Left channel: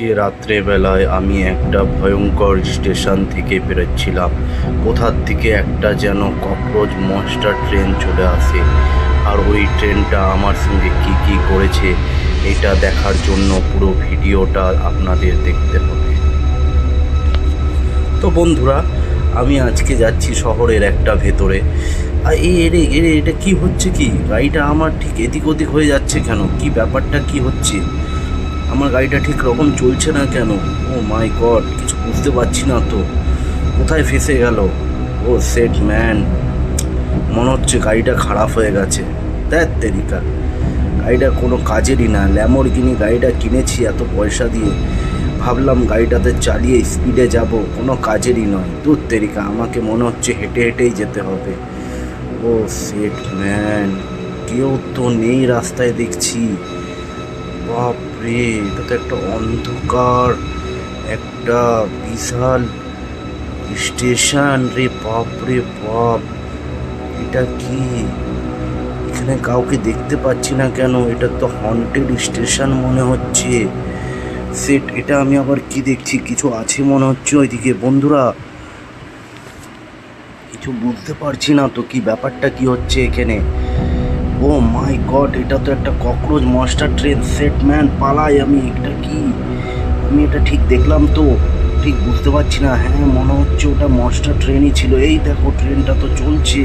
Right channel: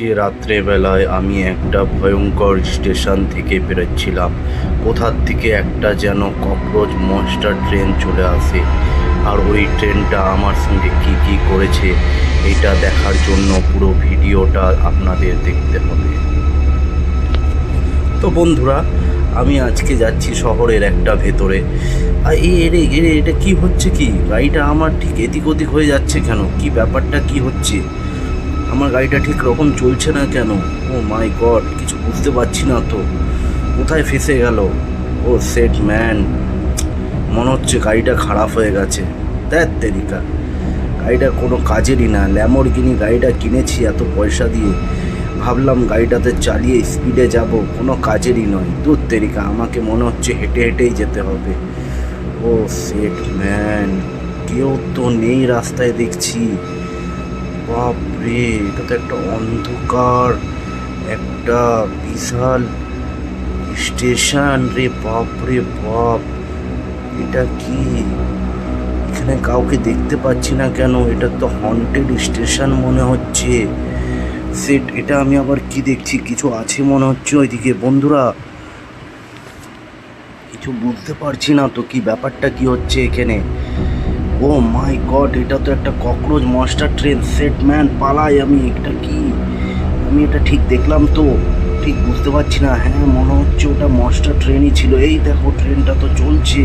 আজকে রাত্রেবেলায় আমি একটা ভয়ঙ্কর স্টেশন থেকে বেরোচ্ছিলাম। কোথার থেকে একটা যেন ককরোচ মনস্টার ট্রেন চলে আসে, আর ওই ট্রেনটা আমার সঙ্গে কি কি করেছে এটা দেখার জন্য পুরো ভিডিওটা আপনাদের দেখতে হবে। তো বন্ধুরা, আমি আজকে যাচ্ছি শহরের একটা ভেতরে। আর এটা কি হচ্ছে, কি গাড়িটা আমার ঠিক এদিক ওদিক হয়ে যাচ্ছে কেন? কি ব্যাপারটা কি হচ্ছে? আমার গাড়িটা ঠিক রকম চলছে না কেন? ও মাই গড, কিছু বুঝতে পারছি না তো। কোথায় ফেসে গেল? ও সেট ম্যান, মনে হচ্ছে গাড়িটা খারাপ হয়ে গেছে। ধ্যাৎ তেরিকা, গাড়িটা কোনো কাজেরই না। ল্যাম্বরগিনি গাড়িটা কিনেছি এত পয়সা দিয়ে, ভাবলাম গাড়িটাতে চালিয়ে স্পিডে যাব, কোনো কাজেরই নয়। দূর তেরিকা, আমাকে মনে হচ্ছে হেঁটে হেঁটেই যেতে হবে। ও সেট ম্যান, কেউ তো নেই রাস্তায় দেখছি। বাপরে, এটা তো একটা অন্ধকার, একটা বিশাল স্টেশন রে। বাপরে বাপ, এটা কি? এখানে কাউকে দেখতে পাচ্ছি না কেন? এটা তো হন্টেড স্টেশন মনে হচ্ছে। সেট, এটা আমি আবার কি দেখছি? কিছু আছে মনে হচ্ছে ওইদিকে। বন্ধুরা, কিছু বুঝতে পারছি না তো, কি ব্যাপারটা কি হচ্ছে এখানে। ও মাই গড, এটা তো একটা cockroach monster train. Set man, পালাই আমি। এটা কি? আমি এটা ঠিক দেখলাম তো? ঠিক বুঝতে পারছি না। হ্যাঁ, মনে হচ্ছে ওটা মনস্টার ট্রেনই ছিল। এই দেখো, ট্রেনটা তো চলছে।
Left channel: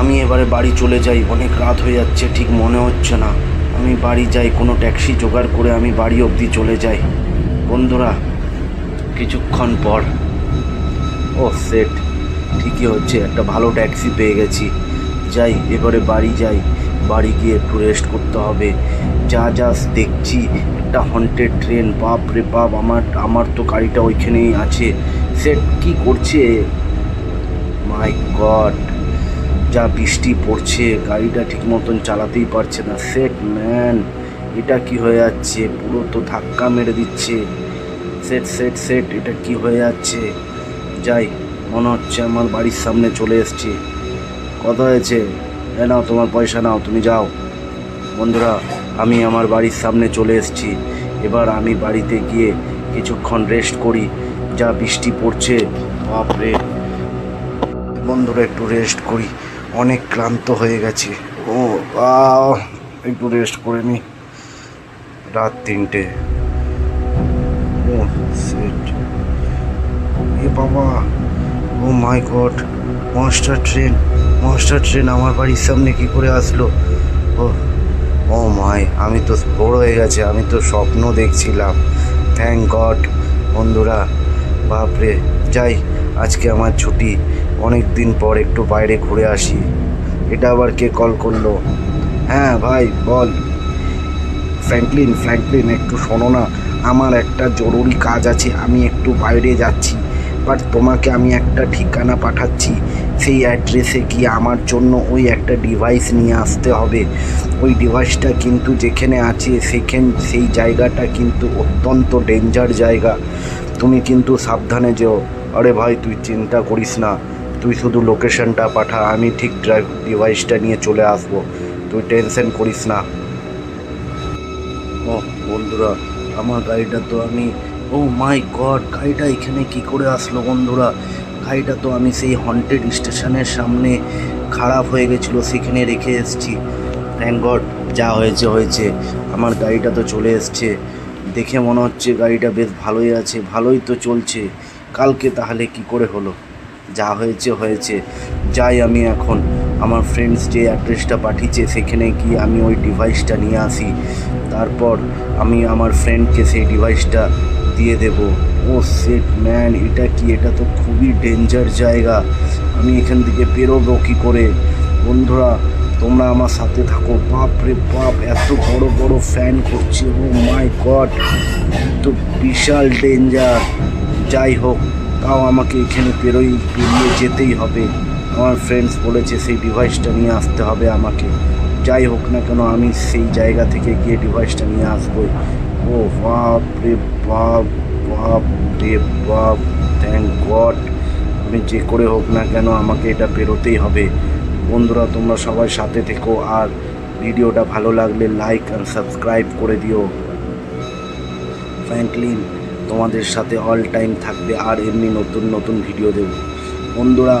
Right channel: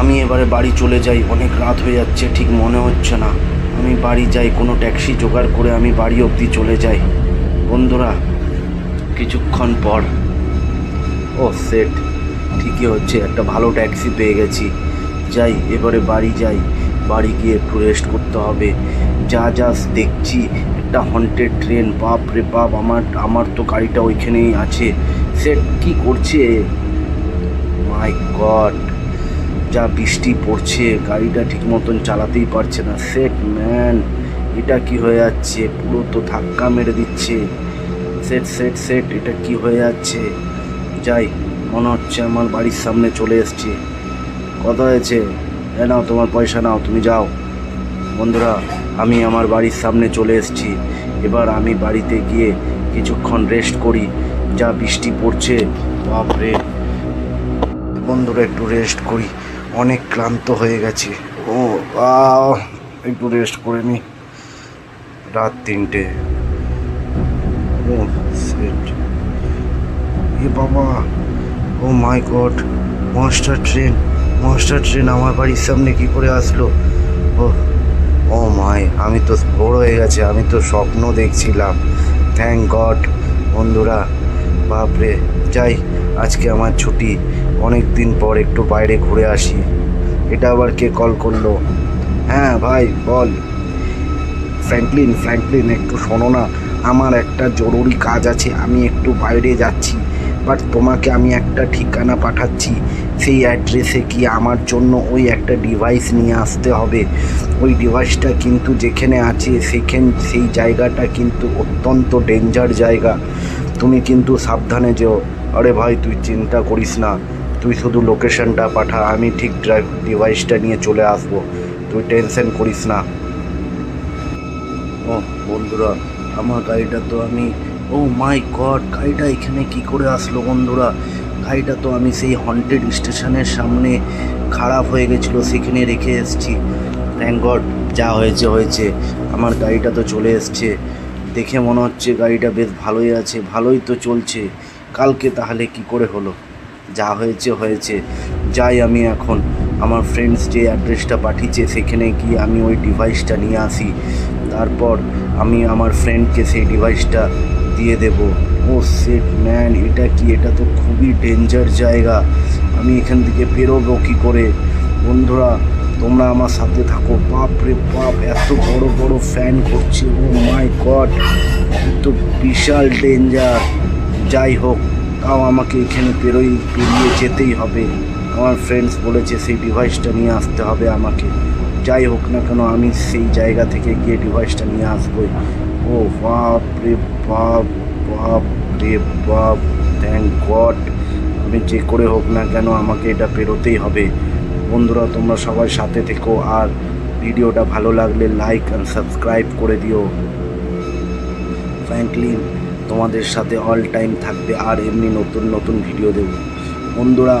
আমি এবারে বাড়ি চলে যাই, অনেক রাত হয়ে যাচ্ছে, ঠিক মনে হচ্ছে না। আমি বাড়ি যাই, কোনো ট্যাক্সি জোগাড় করে আমি বাড়ি অবধি চলে যাই। বন্ধুরা, কিছুক্ষণ পর, ও সেট, ঠিকই হচ্ছে, একটা ভালো ট্যাক্সি পেয়ে গেছি। যাই, এবারে বাড়ি যাই। বাড়ি গিয়ে একটু রেস্ট করতে হবে। যা যা দেখছি, একটা হন্টেড ট্রেন। বাপ রে বাপ, আমার তো গাড়িটা ওইখানেই আছে। সেট কি করছে? মাই গড, যা বৃষ্টি পড়ছে, গাড়িটা ঠিক মতন চালাতেই পারছে না। সেট ম্যান, এটা কি হয়ে যাচ্ছে? পুরো তো ধাক্কা মেরে দিচ্ছে। সেট সেট সেট, এটা কি হয়ে যাচ্ছে? যাই, মনে হচ্ছে আমার বাড়ির সামনে চলে এসেছি। কত হয়েছে? নাও তোমার পয়সা, নাও, তুমি যাও। বন্ধুরা, আমি আমার বাড়ির সামনে চলে এসেছি। এবার আমি বাড়িতে গিয়ে কিছুক্ষণ রেস্ট করি। যা বৃষ্টি পড়ছে, বাপরে। বন্ধুরা, একটু রেস্ট করি, অনেক ক্লান্ত হয়ে গেছি। ও একটু রেস্ট করে নি। রাত 3টে। ও সেট, এ বাবা, oh my god, monster train. Monster train আমার বাড়ির সামনে কি করে আসলো? ও ও মাই, আমি তো ভোর হয়ে গেছে, আমি তো স্বপ্ন দেখছিলাম। Thank god. বন্ধুরা, বাপরে। যাই, আজকে আমার ছুটি, অনেক দিন পর একটু বাইরে ঘুরে আসি। এটা আবার কে কল করলো? হ্যাঁ ভাই, বল। ফ্র্যাঙ্কলিন, ফ্র্যাঙ্কলিন, একটু শোনো না। আমার একটা জরুরি কাজ আছে, আমি একটু বাইরে যাচ্ছি। বাট তোমাকে আমি একটা ঠিকানা পাঠাচ্ছি, সেই অ্যাড্রেসে গিয়ে আমার জন্য ওই একটা ডিভাইস নিয়ে আসতে হবে। ওই ডিভাইসটা কিন্তু যেখানে আছে সেই জায়গাটা কিন্তু অত্যন্ত ডেঞ্জার জায়গা। তুমি কিন্তু সাবধানে যেও। আরে ভাই, তুই চিন্তা করিস না, তুই শুধু লোকেশনটা পাঠা, আমি ঠিক ডিভাইসটা নিয়ে চলে আসবো। তুই টেনশন করিস না। ও বন্ধুরা, আমার গাড়িটা তো আমি, ও মাই গড, গাড়িটা এখানে কি করে আসলো? বন্ধুরা, গাড়িটা তো আমি সেই হন্টেড স্টেশনের সামনে খারাপ হয়ে গেছিলো, সেখানে রেখে এসেছি। থ্যাংক গড, যা হয়েছে হয়েছে, আমার গাড়িটা তো চলে এসছে। দেখে মনে হচ্ছে গাড়িটা বেশ ভালোই আছে, ভালোই তো চলছে। কালকে তাহলে কি করে হলো? যা হয়েছে হয়েছে। যাই, আমি এখন আমার ফ্রেন্ডস যে অ্যাড্রেসটা পাঠিয়েছে সেখানে গিয়ে আমি ওই ডিভাইসটা নিয়ে আসি। তারপর আমি আমার ফ্রেন্ডকে সেই ডিভাইসটা দিয়ে দেব। ও সেট ম্যান, এটা কি? এটা তো খুবই ডেঞ্জার জায়গা। আমি এখান থেকে বেরোবো কী করে? বন্ধুরা, তোমরা আমার সাথে থাকো। বাপ রে বাপ, এত বড় বড় ফ্যান করছে। ও মাই গড, তো বিশাল ডেঞ্জার। যাই হোক, তাও আমাকে এখানে পেরিয়ে যেতেই হবে। আমার ফ্রেন্ডস বলেছে সেই ডিভাইসটা নিয়ে আসতে হবে আমাকে। যাই হোক না কেন, আমি সেই জায়গা থেকে গিয়ে ডিভাইসটা নিয়ে আসবোই। ও বাপ রে বাপ, বাপ রে বাপ, থ্যাংক গড। আমি যে করে হোক না কেন আমাকে এটা পেরোতেই হবে। বন্ধুরা, তোমরা সবাই সাথে থেকো, আর ভিডিওটা ভালো লাগলে লাইক আর সাবস্ক্রাইব করে দিও। ফ্র্যাঙ্কলিন তোমাদের সাথে অল টাইম থাকবে, আর এমনি নতুন নতুন ভিডিও দেব। বন্ধুরা,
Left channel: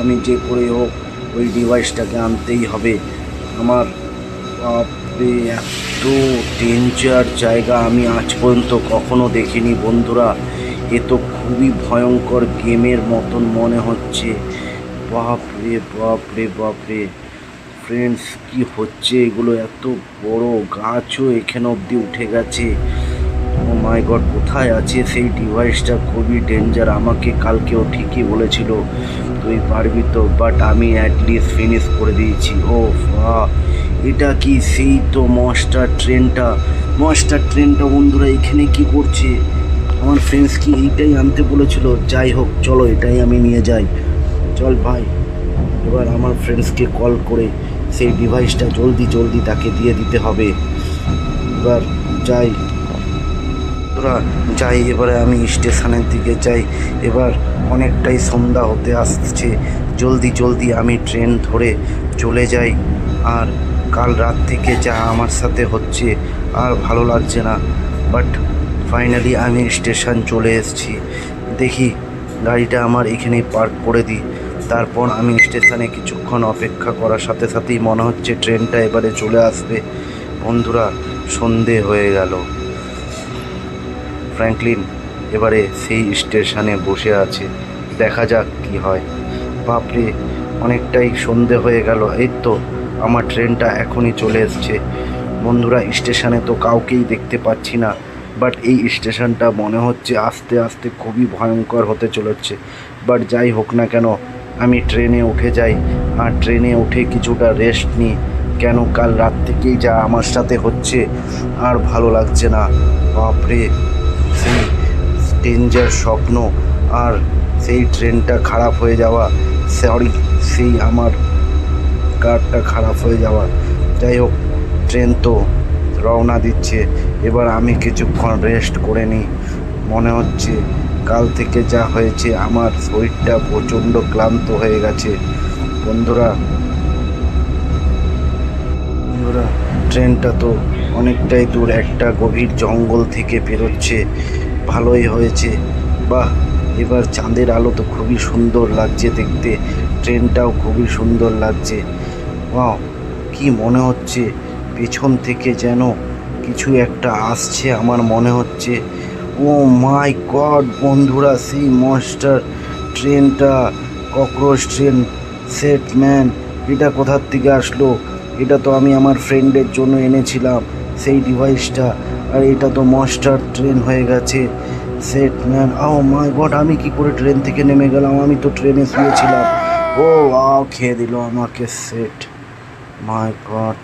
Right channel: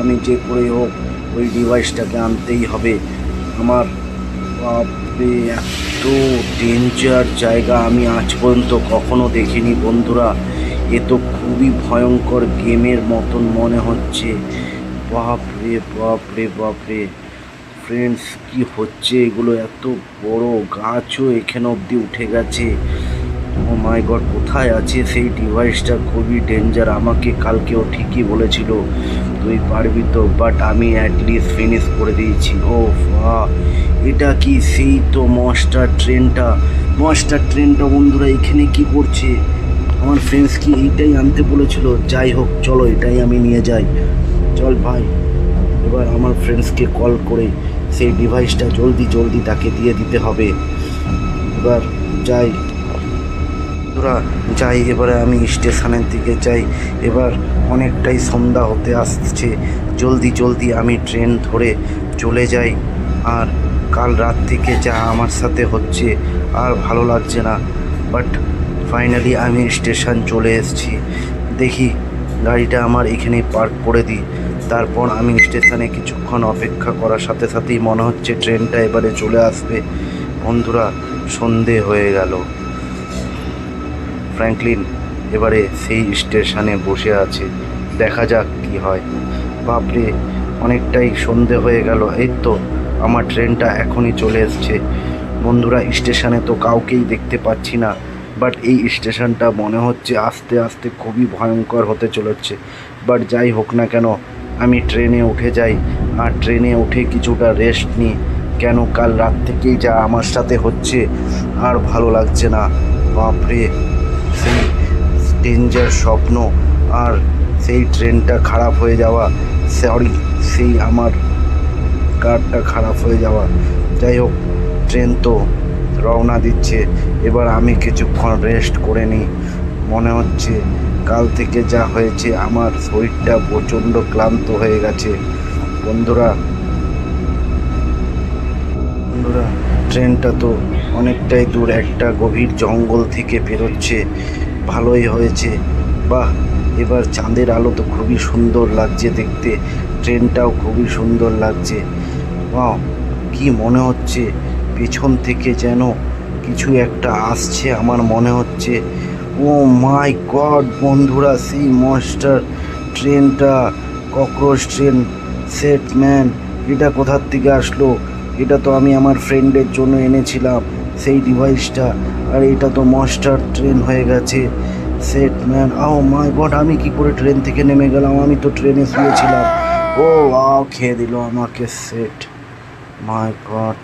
আমি যে করে হোক ওই ডিভাইসটাকে আনতেই হবে। আমার বাপরে, এত ডেঞ্জার জায়গা আমি আজ পর্যন্ত কখনো দেখিনি বন্ধুরা। এ তো খুবই ভয়ঙ্কর গেমের মতন মনে হচ্ছে। বাপরে বাপরে বাপরে ফ্রেন্ডস, কি হচ্ছে এগুলো? এত বড় গাছও এখানে অবধি উঠে গেছে। ও মাই গড, কোথায় আছে সেই ডিভাইসটা? খুবই ডেঞ্জার। আমাকে কালকেও ঠিকই বলেছিল তুই পারবি তো, বাট আমি অ্যাটলিস্ট ফিনিশ করে দিয়েছি। ও বাহ, এটা কি সেই তো মনস্টার ট্রেনটা বন্ধুরা এখানে কি করছে? আমার ফ্রেন্ডস কি এইটাই আনতে বলেছিল? যাই হোক, চলো এটাই আমি নিয়ে যাই। চল ভাই, এবার আমার ফ্রেন্ডসকে কল করে সেই ডিভাইসটা জলদি জলদি তাকে দিয়ে দিতে হবে। এবার যাই তোরা, যাই এবারে আমি স্টেশনের দিকে যাই। এবার অনেকটাই সন্ধ্যা হতে আসছে, জলদি জলদি আমি ট্রেন ধরে চলে যাই। আর কাল রাত থেকে যা আমার সাথে হচ্ছে আর ভালো লাগছে না, বাট ফাইনালি আমি স্টেশন চলে এসেছি। দেখি গাড়িটা আমার এখানেই পার্ক করে দিই, তারপর আমি স্টেশনে কিছুক্ষণ অপেক্ষা করার সাথে সাথেই মনে হচ্ছে ট্রেনটা এবারে চলে আসবে। বন্ধুরা, সন্ধে হয়ে গেল। ফ্র্যাঙ্কলিন এবারে সেই স্টেশনে বসে আছে, দেখা যাক কি হয়। বাপরে, অনেকটাই সন্ধে হয়ে গেল। এই তো আমার ট্রেনটা এখনই চলে এসছে। বন্ধুরা, স্টেশনে তো কাউকেই দেখতে পাচ্ছি না, বাট এই স্টেশনটা মনে হচ্ছে আস্তে আস্তে খুবই ভয়ঙ্কর হতে চলেছে। বাট যাই হোক না কেন, আমি ট্রেনে উঠে যাই, আর ট্রেনে উঠে কিছুটা রেস্ট নিই। কেন, কাল রাত থেকেই যা আমার সাথে হচ্ছে আর ভালো লাগছে না। বাপরে, সেই ডেঞ্জার স্বপ্ন, আর সেই ট্রেনটা খারাপ হয়ে যাওয়া, সেই আমার কারটা খারাপ হয়ে যাওয়া। যাই হোক, ট্রেন তো রওনা দিচ্ছে, এবার আমি কিছুক্ষণ রেস্ট করে নিই। মনে হচ্ছে কাল থেকে যা হয়েছে আমার শরীরটা প্রচণ্ড ক্লান্ত হয়ে গেছে। বন্ধুরা, ট্রেনটা তো অনেকটাই দূর একটা গভীর জঙ্গল থেকে পেরোচ্ছে। ভালোই হয়েছে। বাহ, এবার চাঁদের আলো তো খুবই সুন্দর লাগছে দেখতে, ট্রেনটাও খুবই সুন্দর লাগছে। বাহ, কি মনে হচ্ছে পেছন থেকে যেন কিছু একটা আসছে আমার মনে হচ্ছে। ও মাই গড বন্ধুরা, সেই মনস্টার ট্রেনটা, ককরোচ ট্রেন, সেট ম্যান, এটা কোথার থেকে আসলো? এটা তো আমি আমার ফ্রেন্ডের জন্য এনেছিলাম সেই ডিভাইসটা, আর এটা তো মনস্টার ট্রেন হয়ে গেছে। Set man, O my god, আমি কি করে ট্রেন থেকে নেমে গেলাম? আমি তো ট্রেনে শুয়েছিলাম। ও খেয়ে দিল আমাকে সেট, মাই গড।